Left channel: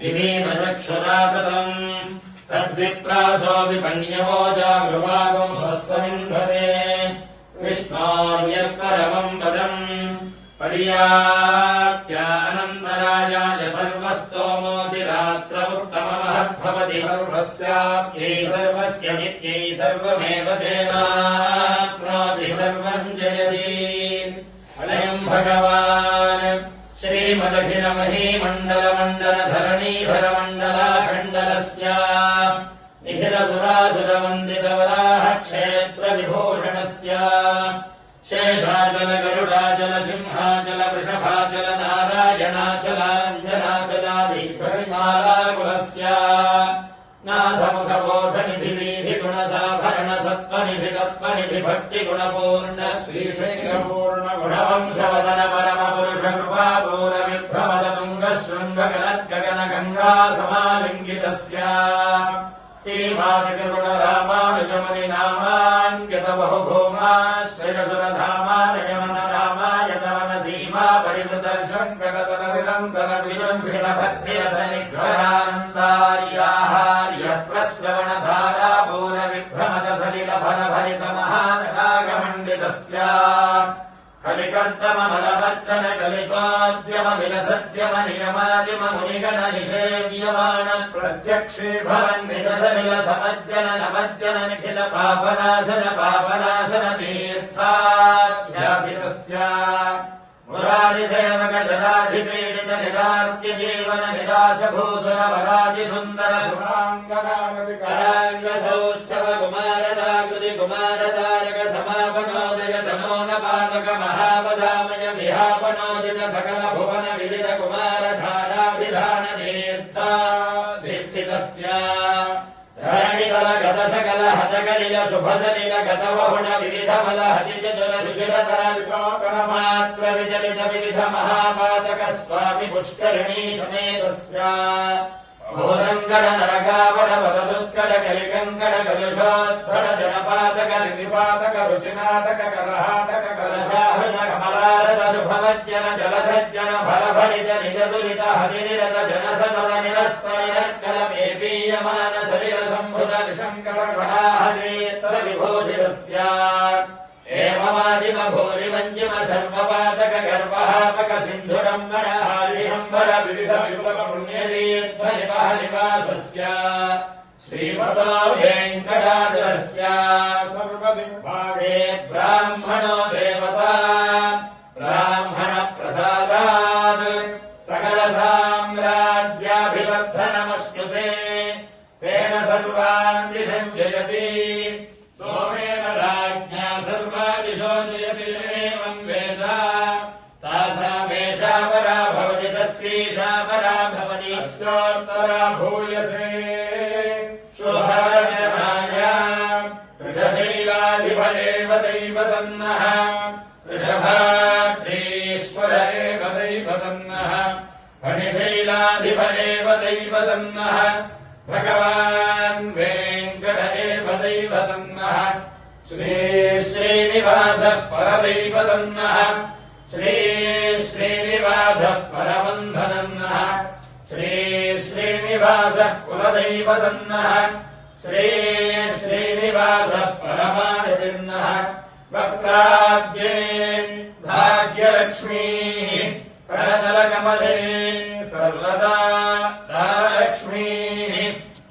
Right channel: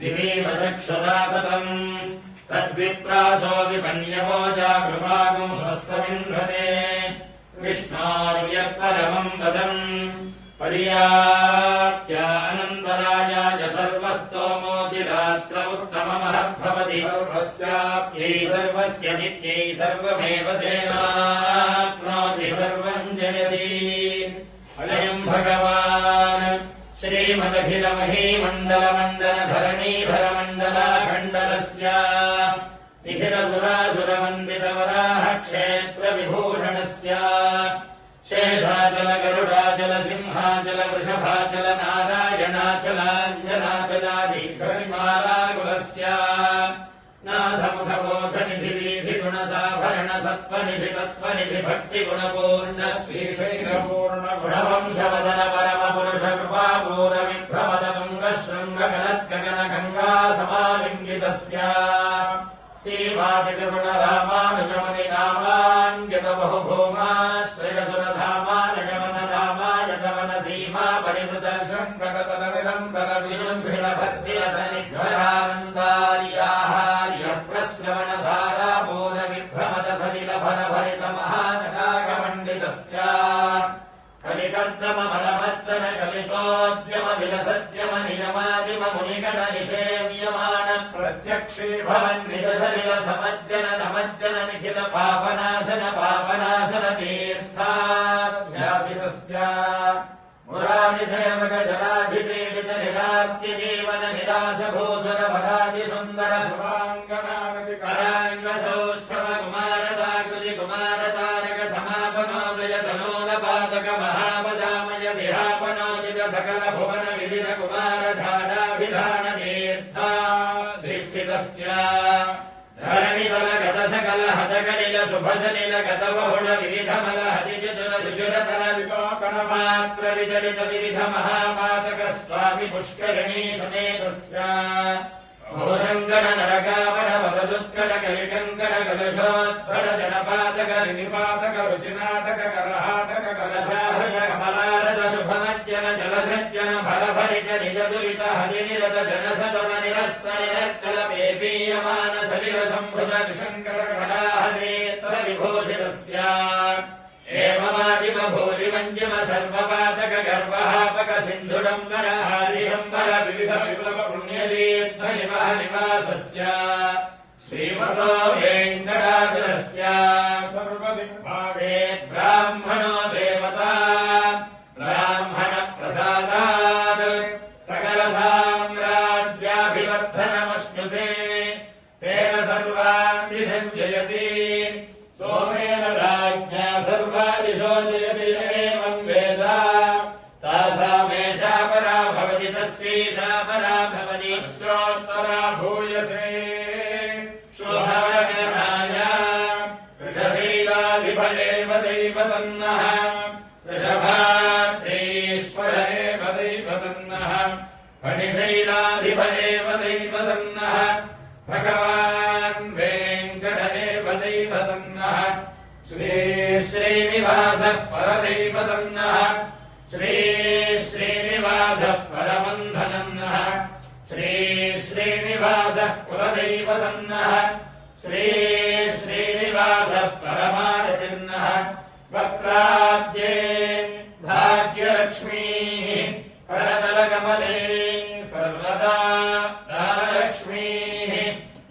दिवीमचक्षुरा ततम् तद्विप्रासो विपण्यवो जागृवागम् सस्समिन्धते विष्णोर्यत्परमम् पदम् पर्याप्त्यानन्तरायाय सर्वस्तोमोऽपि रात्रमुत्तममहद्भवति सर्वस्याप्त्यै सर्वस्य नित्यै सर्वमेव तेनाप्नोति सर्वम् जयति अयम् भगवान् श्रीमदखिलमहीमण्डलमण्डलधरणीधरमण्डलाखण्डलस्य निखिलसुरासुरवन्दितवराह क्षेत्रविभूषणस्य शेषाचल गरुडाचल सिंहाचल वृषभाचल नारायणाचलाञ्जनाचलादिशिखरिमालाकुलस्य नाथमुखबोधनिधि वीधिगुणसाभरण सत्त्वनिधि तत्त्वनिधि भक्तिगुणपूर्ण श्रीशैलपूर्णगुणवंशवदन परमपुरुष कृपापूरविभ्रमदतुङ्गशृङ्गगलद्गगनगङ्गा समालिङ्गितस्य श्रीवादिकगुणरामानुजमुनिनामाङ्कितबहुभूमाश्रयसुरधामानगमन रामायतमन सीमा परिवृतर्शङ्कगतनविलम्बरविलम्बितभद्र्यसनिग्रहान्तार्याहार्यप्रश्रवणधारापूरविभ्रमदसलिलभरभरितमहानरागमण्डितस्य कलिकर्दमबलवर्जन प्रत्यक्षे भवन् निजसलिल समज्जन नमज्जन निखिल पापनाशन पापनाशन तीर्थाध्यासितस्य मुरारिसेवक जलाधिपीडित निरार्त्य जीवन निराश भूषण वरादि सुन्दर सुराङ्गनागति कराङ्ग सौष्ठव कुमारदाकृति कुमारतारक समापनोदय तनोन पादक महापदामय विहापनोदित सकल भुवन विदित कुमारधाराभिधान तीर्थाधिष्ठितस्य धरणितल गत सकल हतकलिल शुभसलिल गतवहुण विविधमल हतिचतुर रुचिरतर विपाकन मात्र विचलित विविध महापातक स्वामि पुष्करिणी समेतस्य भूरङ्गण नरकावण वददुत्कट कलिकङ्कण कलुषोत्कट जनपातक निपातक रुचिनाटक करहाटक कलशाहृत कमलारद शुभमज्जन जलसज्जन फलभरित निजदुरित हरिनिरत जनसदल निरस्त निरत्कल पेपीयमान शरीर संभृत निशङ्कल कटाहनेत्र विभूषितस्य एवमादिम भूरिमञ्जिम सर्वपातक गर्वहापक सिन्धुडम्बर हारिशम्बर विविध विप्लव पुण्यतीर्थ निवासस्य श्रीमतो वेङ्कटाचलस्य सर्वदिग्भागे ब्राह्मणो देवता ब्राह्मण प्रसादात् सकल साम्राज्याभिवर्धनमश्नुते तेन सर्वान् दिशम् जयति सोमेन राज्ञा सर्वादिशो जयति एवम् वेद तासामेषा परा भवति तस्यैषा परा भवति अस्योत्तरा भूयसे शुभवचनाया वृषशैलाधिप एव दैवतन्नः वृषभाद्रीश्वर एव दैवतन्नः फणिशैलाधिप एव दैवतन्नः भगवान् वेङ्कट एव दैवतन्नः श्री श्रीनिवासः परदैवतन्नः श्री श्रीनिवासः परबन्धनन्नः श्री श्रीनिवासः कुलदैवतन्नः श्री श्रीनिवासः परमादितिर्नः वक्त्राब्जे भाग्यलक्ष्मीः परतलकमले सर्वदा लक्ष्मीः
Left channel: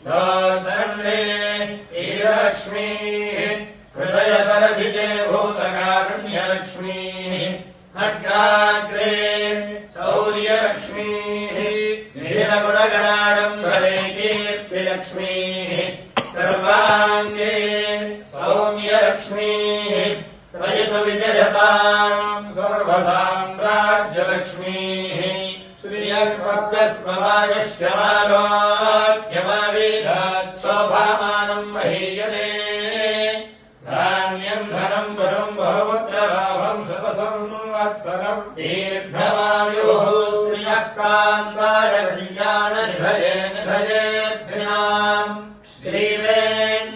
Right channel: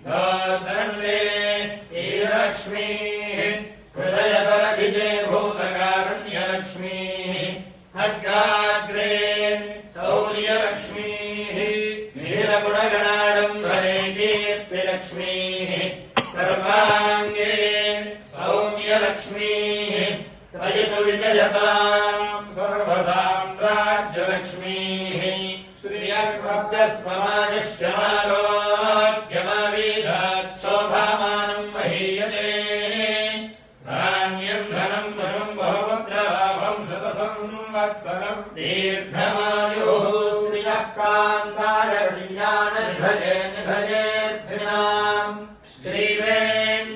दोर्दण्डे ईरलक्ष्मीः हृदयसरसिजे भूतकारुण्यलक्ष्मीः खड्गाग्रे शौर्यलक्ष्मीः नीलगुणगणाडम्बरे कीर्तिलक्ष्मीः सर्वाङ्गे सौम्यलक्ष्मीः त्वयि तु विजयताम् सर्वसाम्राज्यलक्ष्मीः श्रियक्वद्यस्ममायश्यमारोग्यमावीधात् शोभामानम् महीयते धान्यम् धनम् वशम् बहुपुत्रलाभम् शतसंवत्सरम् दीर्घमायुः श्रियः कान्ताय कल्याणनिधये निधयेऽर्थिनाम्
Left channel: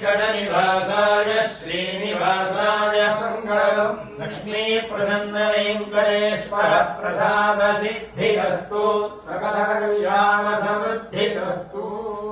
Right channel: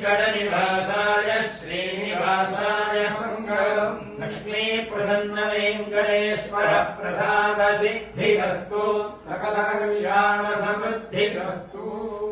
श्रीवेङ्कटनिवासाय श्रीनिवासाय मङ्गलम् लक्ष्मीप्रसन्न वेङ्कटेश्वर प्रसाद सिद्धिरस्तु सकल कल्याण समृद्धि अस्तु